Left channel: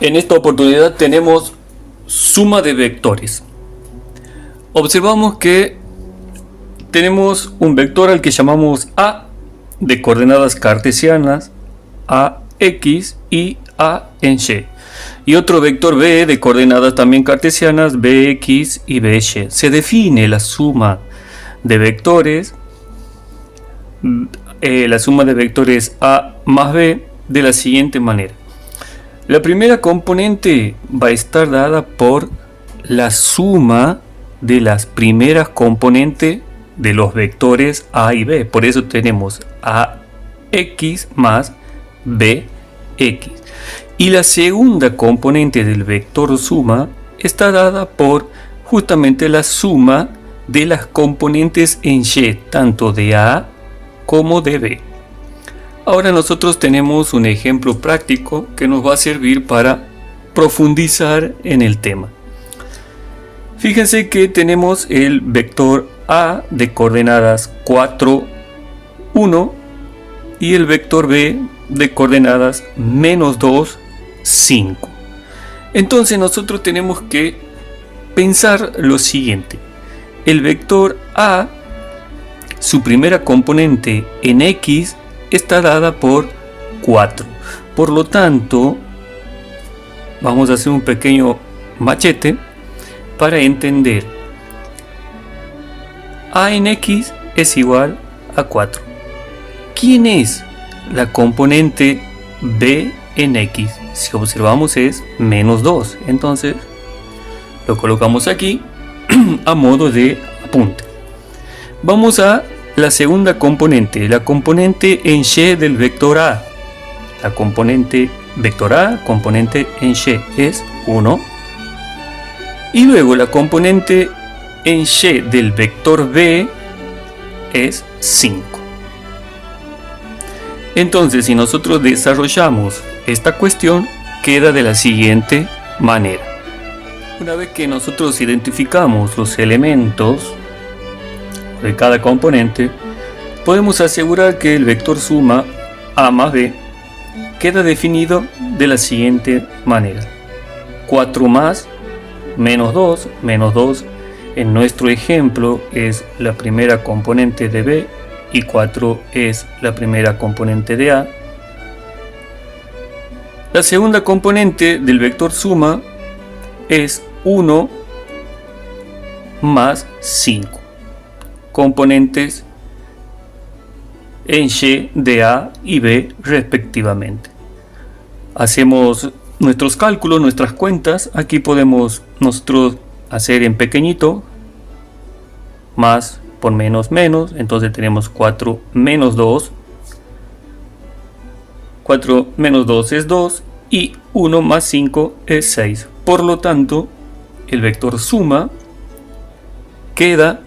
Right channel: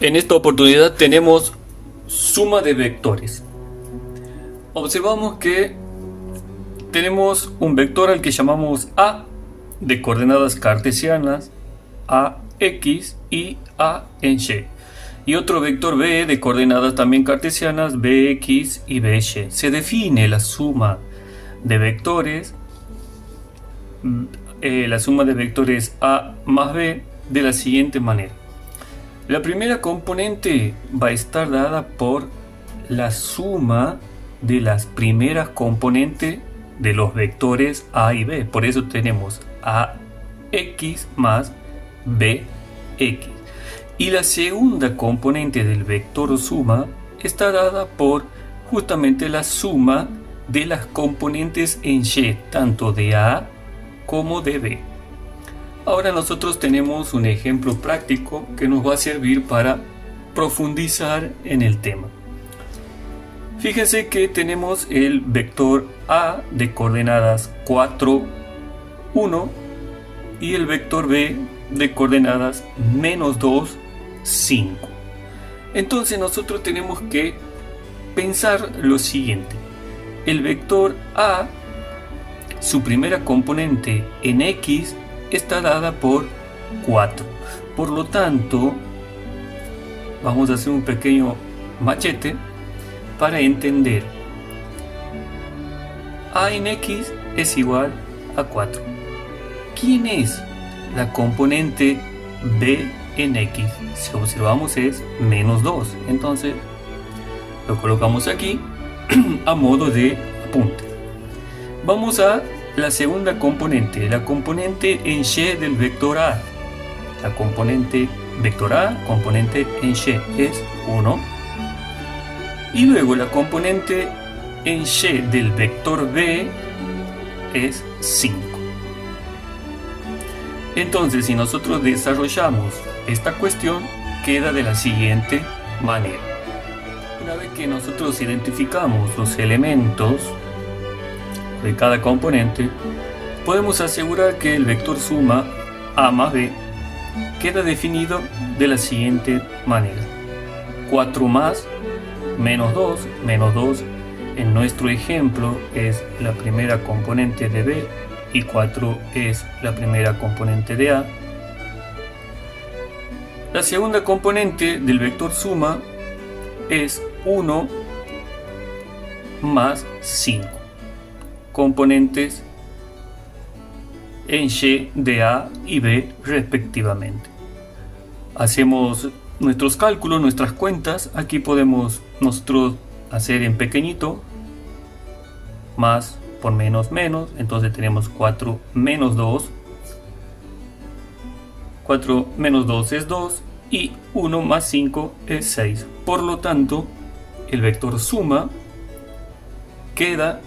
En esta oportunidad tenemos suma de vectores. Observamos que tenemos un vector al que llamamos A de coordenadas cartesianas, AX y A en Y. Y otro vector B de coordenadas también cartesianas, BX y BY. Se define la suma de vectores, A más B de la siguiente manera. La primera componente va a estar dada por la suma de las primeras componentes de los vectores A y B. Por eso tenemos AX más BX. Y la segunda componente del vector suma está dada por justamente la suma de las componentes en Y, tanto de A como de B. Ahora nosotros tenemos un ejemplo práctico que nos va a servir para profundizar en el tema. Fíjense que tenemos el vector A de coordenadas 4, 1 y el vector B de coordenadas menos 2, 5. Entonces nosotros tenemos que pensar lo siguiente. El vector A, su primera componente en X, está dada por 4. Por lo tanto, vamos a hacer un pequeño machete para entender. A en X es igual a 4. ¿Quién es la componente B en X? Si observamos es menos 2. Entonces, lo colocamos aquí a modo de apunte. Vamos a la segunda componente, la componente en Y del vector A. La componente vector A, componente en Y, es 1. Y luego la componente en Y del vector B es 5. Entonces, si nosotros desarrollamos esta cuestión, queda de la siguiente manera. Una vez que nosotros identificamos los elementos de cada componente, podemos asegurar que el vector suma A más B queda definido de la siguiente manera. 4 más menos 2, menos 2 en nuestro ejemplo es la primera componente de B y 4 es la primera componente de A. La segunda componente del vector suma es 1 más 5. Componentes en Y de A y B respectivamente. Hacemos nuestros cálculos, nuestras cuentas. Aquí podemos nosotros hacer en pequeñito, más por menos menos, entonces tenemos 4 menos 2. 4 menos 2 es 2 y 1 más 5 es 6. Por lo tanto, el vector suma queda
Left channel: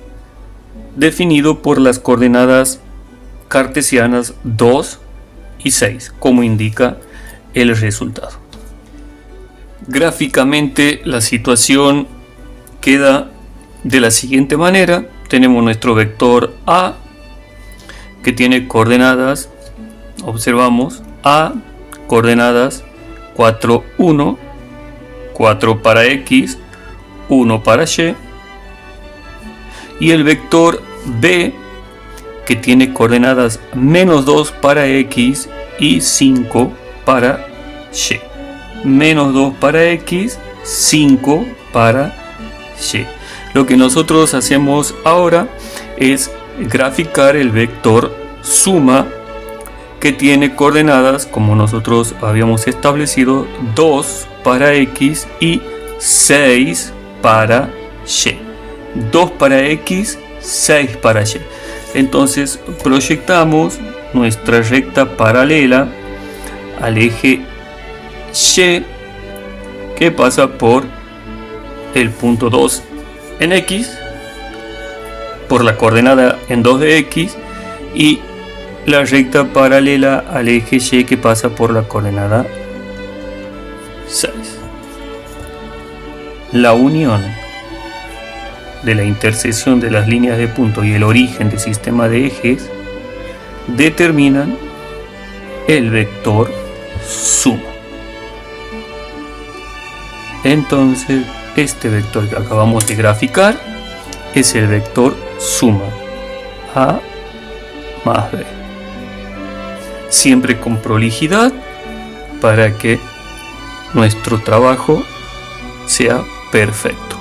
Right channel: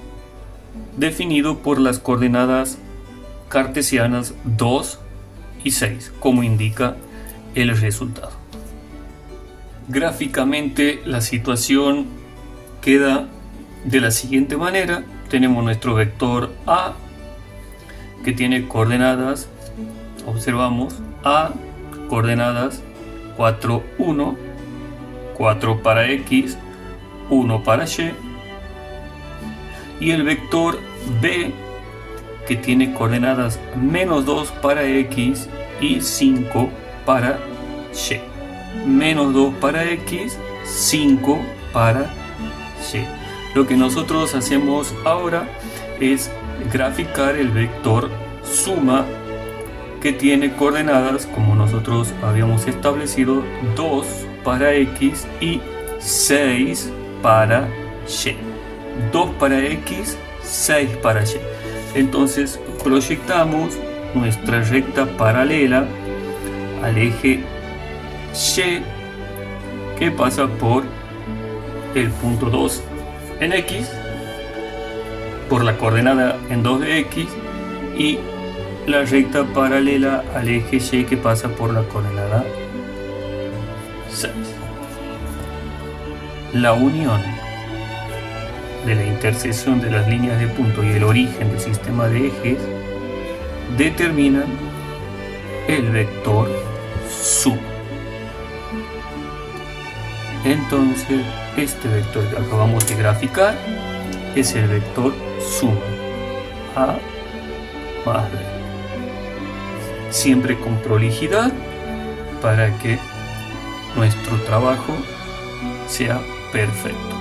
definido por las coordenadas cartesianas 2 y 6, como indica el resultado. Gráficamente la situación queda de la siguiente manera. Tenemos nuestro vector A que tiene coordenadas, observamos, A, coordenadas 4, 1, 4 para X, 1 para Y, y el vector B que tiene coordenadas menos 2 para X y 5 para Y. Menos 2 para X, 5 para Y. Lo que nosotros hacemos ahora es graficar el vector suma que tiene coordenadas, como nosotros habíamos establecido, 2 para X y 6 para Y. 2 para X, 6 para Y. Entonces proyectamos nuestra recta paralela al eje Y que pasa por el punto 2 en X, por la coordenada en 2 de X, y la recta paralela al eje Y que pasa por la coordenada 6. La unión de la intersección de las líneas de punto y el origen del sistema de ejes determinan el vector suma. Entonces este vector que acabamos de graficar es el vector suma, A más B. Siempre con prolijidad para que nuestro trabajo sea perfecto.